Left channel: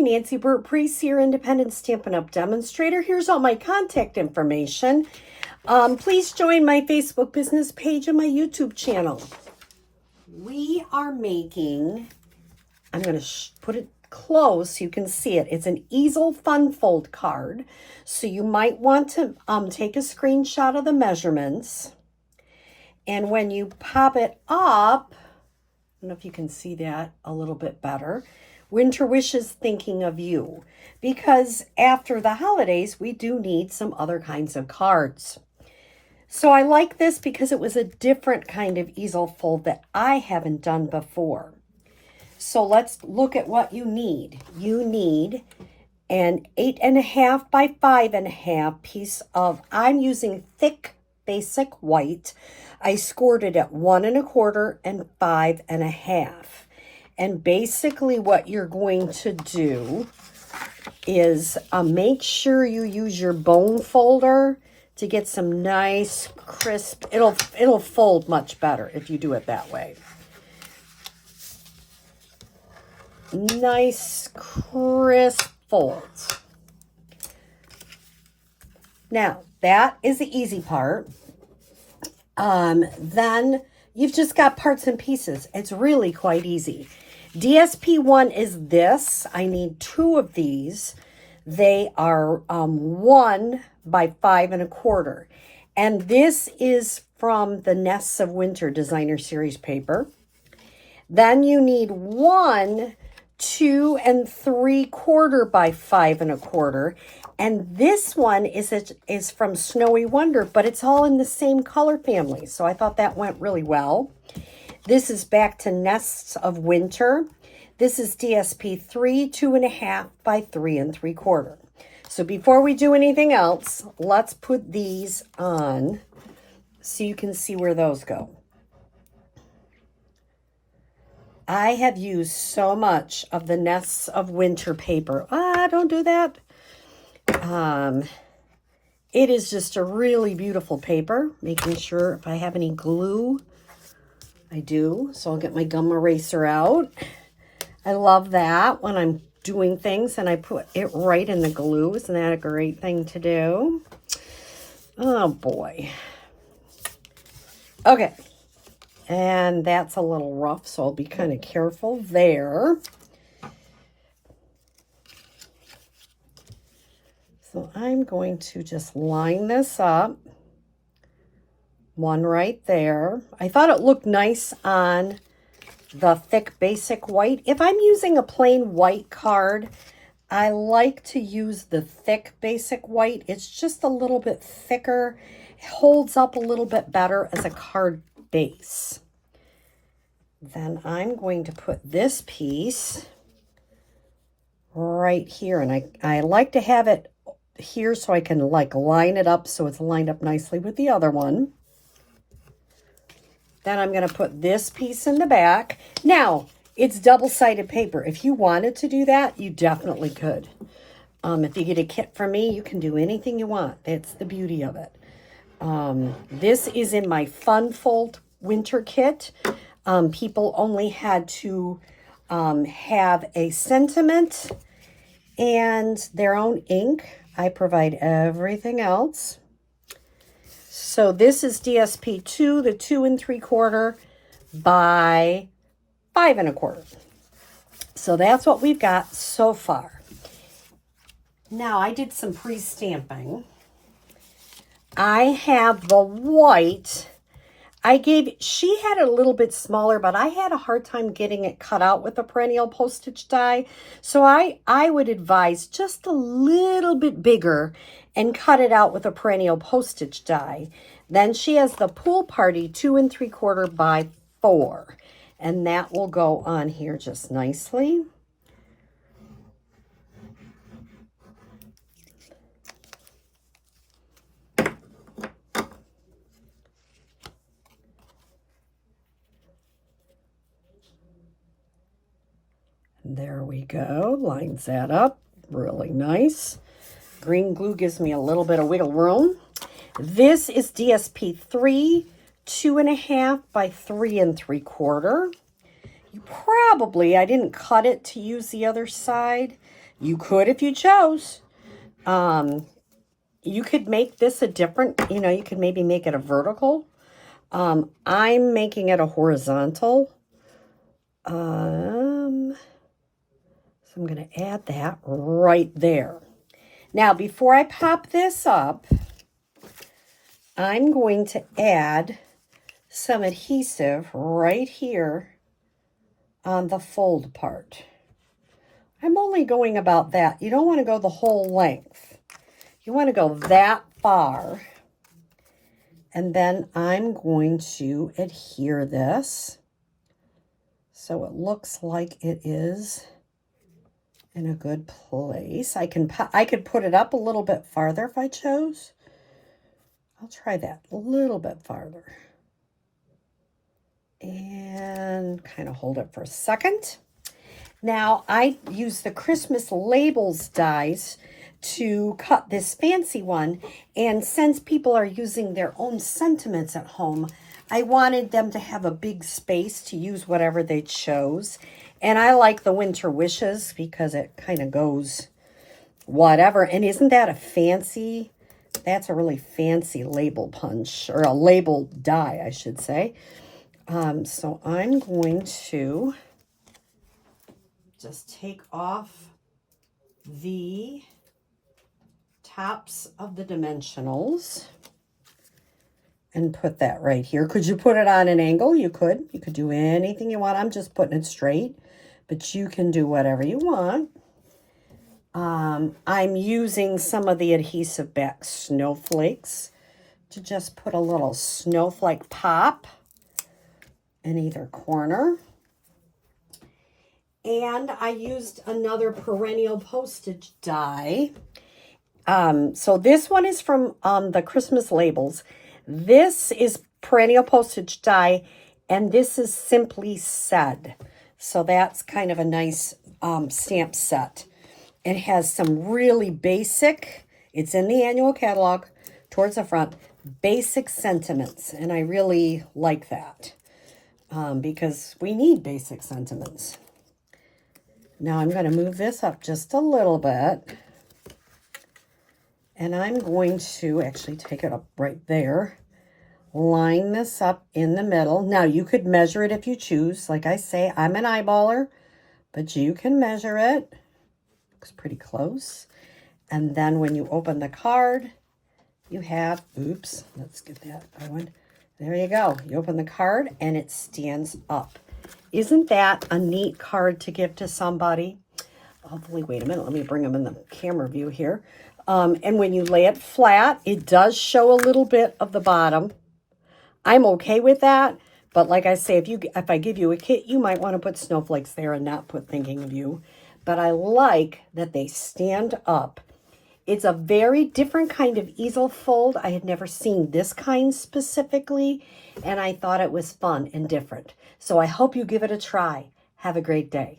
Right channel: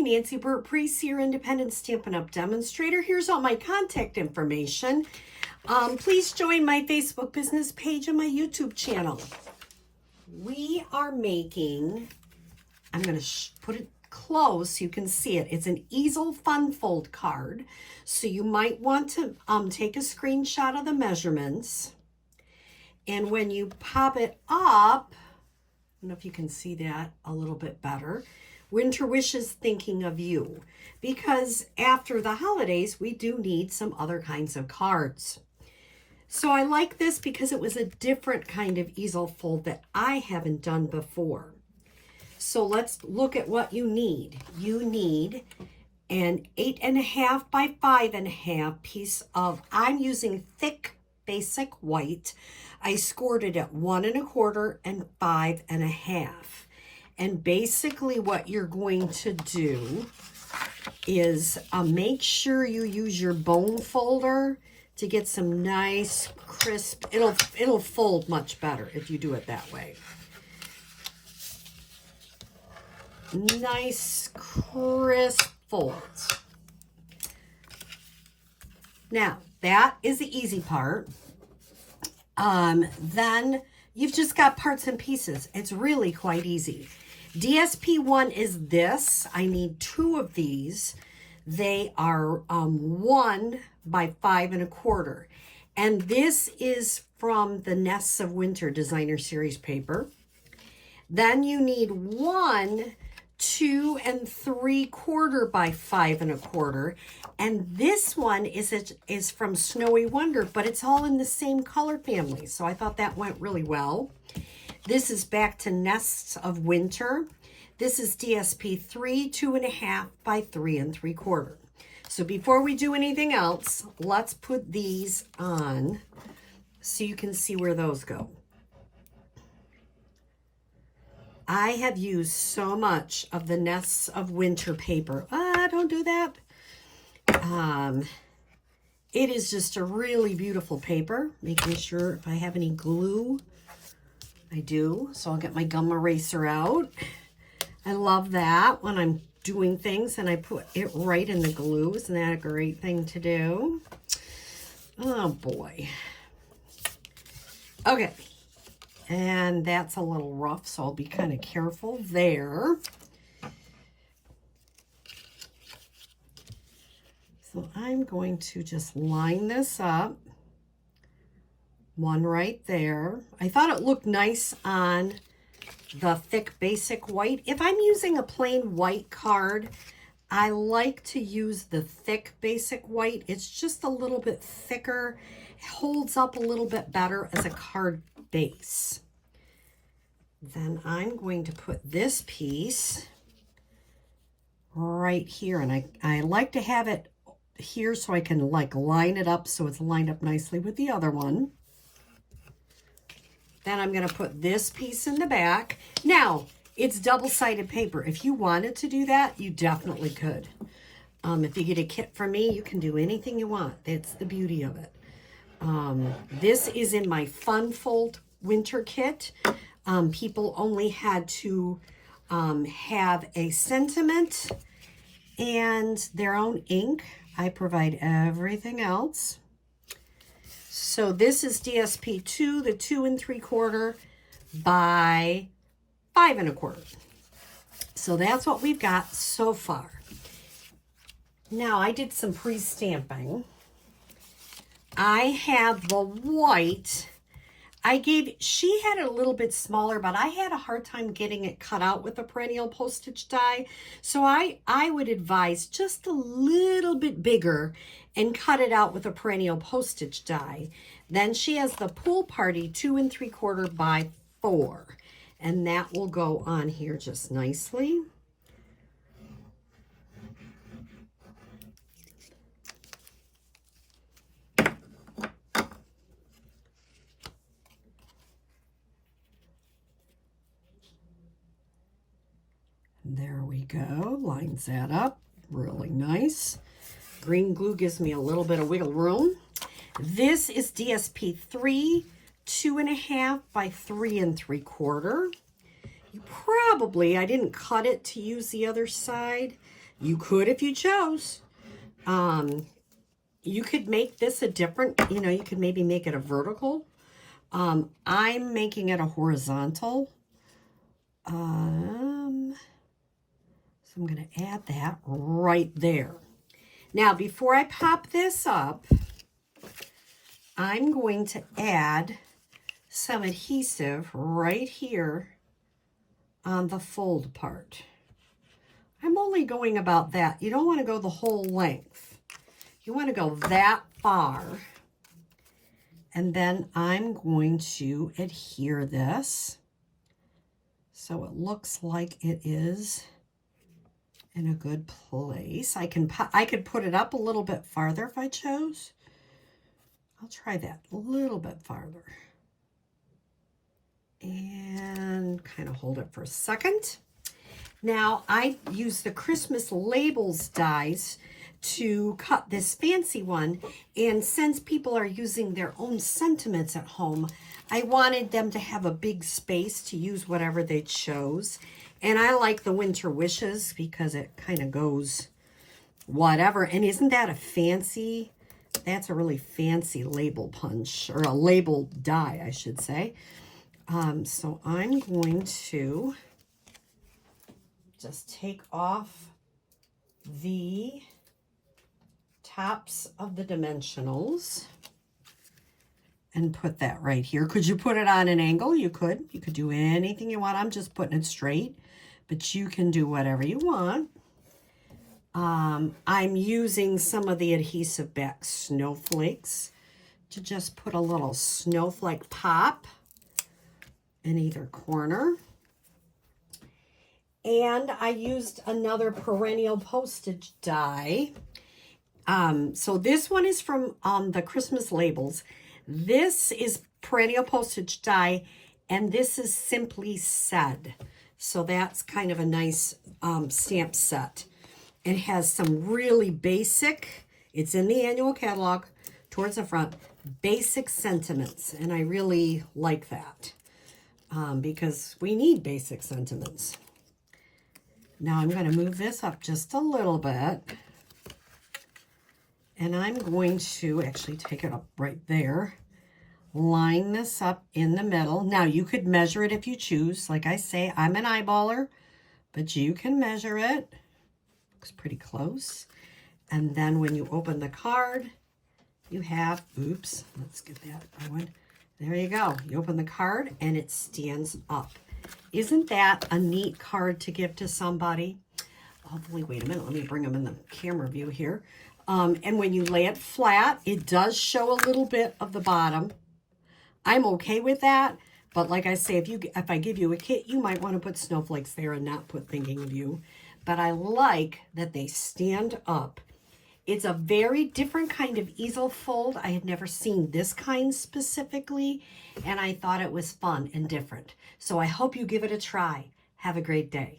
Nancy Burt-Preece, your independent Stampin' Up! Demonstrator. Here's all my contact information. Please join my Facebook business page and my YouTube channel. We are making, I'm going to put it close so you can see it. It's an Easel Fun Fold card. So you might want to take a screenshot of the measurements. And when you pop it up, I don't know if you can see that a little bit better. Winter Wishes thinking of you. Because after the holidays, we do need some other kinds of cards. So I like this because it was a different kind of easel fold that I haven't done before. So let's look at what you need. You need an 8.5 by 5.5 piece of, I'm using thick basic white. I scored it at 1 1/4 and 5.5. And basically what you're going to do is make sure you use your bone folder to get some nice crisp, it'll fold much better if you do it that way. Nice crisp folds. Now, that is the easy part. Then you've just got parts and pieces. It's really quite easy. DSP1 is this. I need 2 of these. They are 1 by 5 1/4. And this is from the Nests of Winter Designer Series paper. Then you need 1 2 3/4 by 5 1/4. And this one is from Snowy Wonder, but it's all in the same color family. So I thought that went really well. This is back to Nests of Winter. This is DSP3, 2.5 by 3 3/4. So before we do anything else, let's put these on so you can see where those go. I have used so much of the Nests of Winter paper. Don't do that. It is just a really beautiful paper. Making sure if I have any glue, I do. So I'll get my gum eraser out. I love that when I'm doing things and I put it right in the glue. Isn't that a great thing to do? Oh boy. Okay. And that's a little rough, so I'll be kind of careful there. So I'm going to just line this up. One right there. I thought it looked nice on the thick basic white. If I'm using a plain white card, I like to use the thick basic white. It's just a little bit thicker. It holds up a little bit better as a card base. Then I'm going to put this piece right here. And I like to have it here so I can like line it up so it's lined up nicely with the other one. Then I'm going to put this piece in the back. Now, it's double-sided paper. If you wanted to do that, you definitely could. If you get a kit from me, you can do anything you want. That's the beauty of it. This is in my Fun Fold winter kit. People only had to have a sentiment and their own ink. I provide everything else. So this is DSP2, the 2 3/4 by 5 1/4. So that's what we've got so far. Now I did some pre-stamping. I have the white. She had it a little bit smaller, but I had a hard time getting it cut out with a perennial postage die. So I would advise just a little bit bigger and cut it out with a perennial postage die. Then she has the Pool Party 2 3/4 by 4. And that will go on here just nicely. There we go. Lines that up. Really nice. Green glue gives me a little bit of wiggle room. This is DSP3, 2.5 by 3 3/4. You probably, I didn't cut it to use the other side. You could if you chose. You could make this a different, you could maybe make it a vertical. I'm making it a horizontal. So I'm going to add that right there. Now, before I pop this up, I'm going to add some adhesive right here on the fold part. I'm only going about that. You don't want to go the whole length. You want to go that far. And then I'm going to adhere this so it looks like it is in a good place. I could put it up a little bit farther if I chose. I'll try that a little bit farther. And kind of hold it for a second. Now, I use the Christmas labels dies to cut this fancy one. And since people are using their own sentiments at home, I wanted them to have a big space to use whatever they chose. And I like the winter wishes because it kind of goes whatever. And isn't that a fancy, that's a really fancy label punch, or a label die, I should say. So I'm going to just take off the tops of the dimensionals and put that right here. Could you put it on an angle? You could. You could do anything you want. I'm just putting it straight, but you can do whatever you want. I'm using some of the adhesive back snowflakes to just put a little snowflake pop in either corner. And I used another perennial postage die. So this one is from the Christmas labels. This is perennial postage die, and this is Simply Said. So that's kind of a nice stamp set. It has some really basic, it's in the annual catalog towards the front, basic sentiments. And I really like that because we need basic sentiments. Now I'm going to move this up just a little bit. And I'm going to actually take it up right there. Line this up in the middle. Now you could measure it if you choose. Like I say, I'm an eyeballer, but you can measure it. Looks pretty close. And then when you open the card, you have, oops, let's get that going. There you go. You open the card and it stands up. Isn't that a neat card to give to somebody? Hopefully, wait a minute. Let me bring them in the camera view here. And when you lay it flat, it does show a little bit of the bottom. I'm okay with that. But like I say, if I give you a kit, you might want to put snowflakes there and not put thinking of you. But I like that they stand up. It's a very different kind of easel fold. I had never seen this kind specifically, and I thought it was fun and different. So I hope you give it a try. Have a great day.